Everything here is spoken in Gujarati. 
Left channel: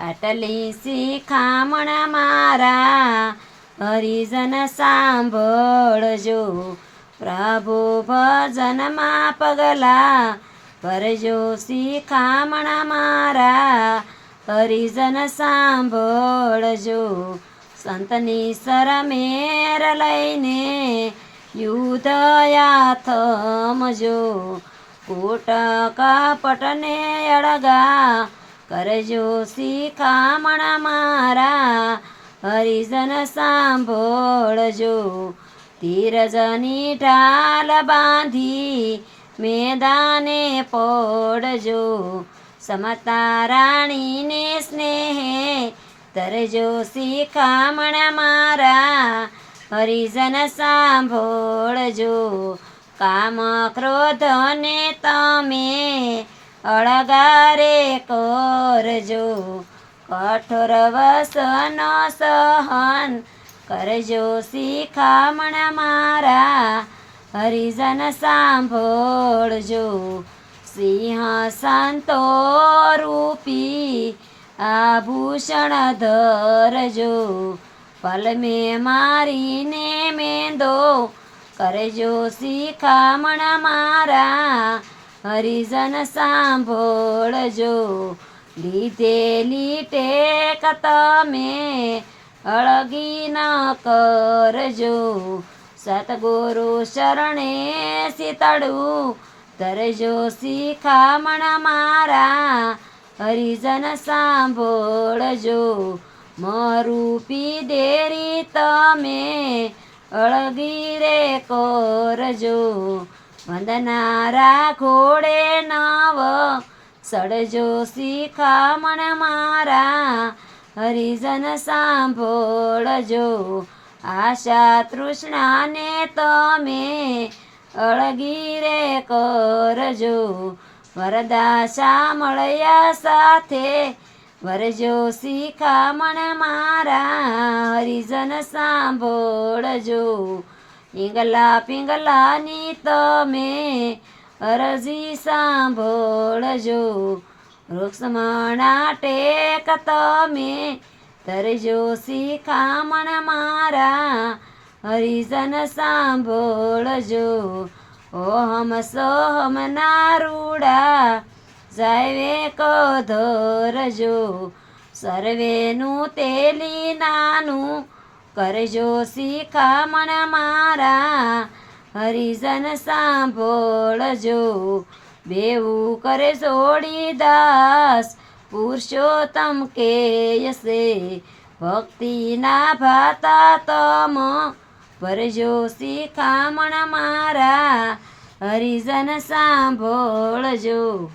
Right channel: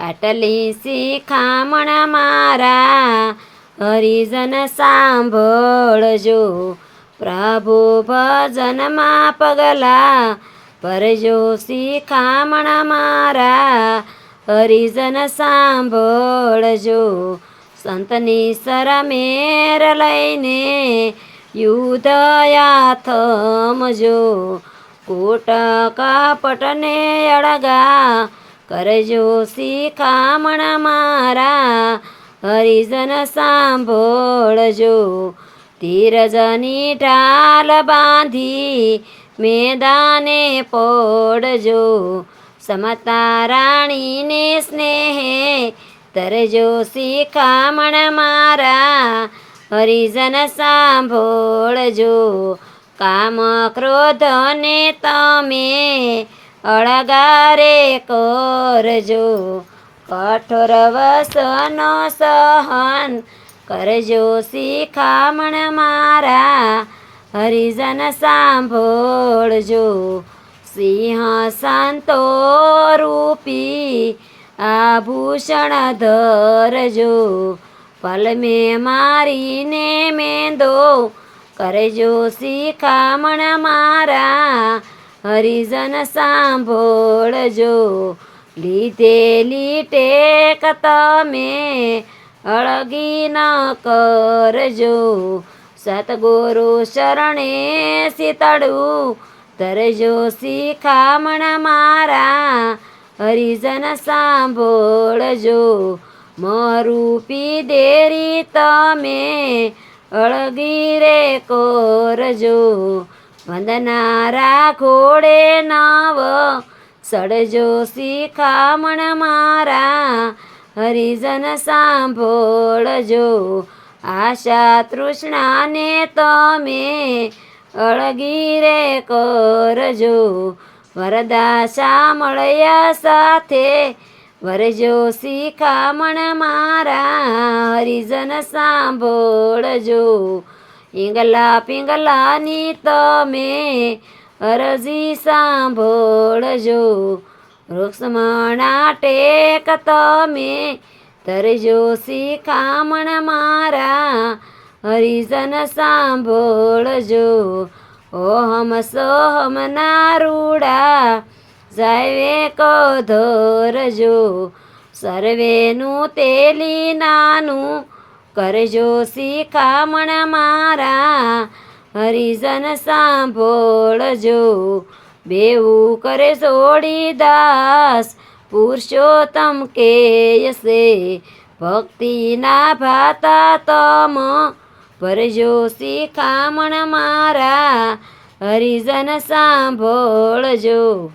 આટલી શિખામણ મારા, હરિજન સાંભળજો. પ્રભુ ભજનમાં પગલા ભરજો શિખામણ મારા, હરિજન સાંભળજો. સંતની સરમેર લઈને યુધયા થમજો. કોટ કપટને અળગા કરજો શિખામણ મારા, હરિજન સાંભળજો. તીરજની ઢાલ બાંધી મેદાને પોડજો. સમતા રાણીને સ્નેહે તરજો શિખામણ મારા, હરિજન સાંભળજો. કામ ક્રોધને તમે અળગારે કરજો. કઠોર વસનો સહન કરજો. શિખામણ મારા હરિજન સાંભળજો. સિંહ સંતો રૂપી આભૂષણ ધરજો. પલમે મારીને મેંદો કરજો. શિખામણ મારા હરિજન સાંભળજો. લીધેલી ટેક તમે અળગી ન કરજો. સતગુરુ શરણે શીતળું તરજો શિખામણ મારા. હરિજન સાંભળજો. મરૂપી દેરી તમે અળગી રે કરજો. વંદનારા ઘોડે નવ સડજો શિખામણ મારા, હરિજન સાંભળજો, આશા તૃષ્ણાને તમે અળગી રે કરજો વરદાશા મળ્યા સાથે વરજો શિખામણ મારા, હરિજન સાંભળજો ઈંગલા પિંગલાની તમે અરજી સાંભળજો. વૃક્ષમણા ટેક તમે તરજો શિખામણ મારા હરિજન સાંભળજો. ઓહમ સોહમ નારૂડા જયવે કો ધરજો સર્વેનું તેલી નાનું કરજો શિખામણ મારા, હરિજન સાંભળજો. બેવું કરે સોડી દાસ, પુરુષોત્તમ કેયસે. ભક્તિના ભાતા તમ ભરજો શિખામણ મારા, હરિજન સાંભળજો.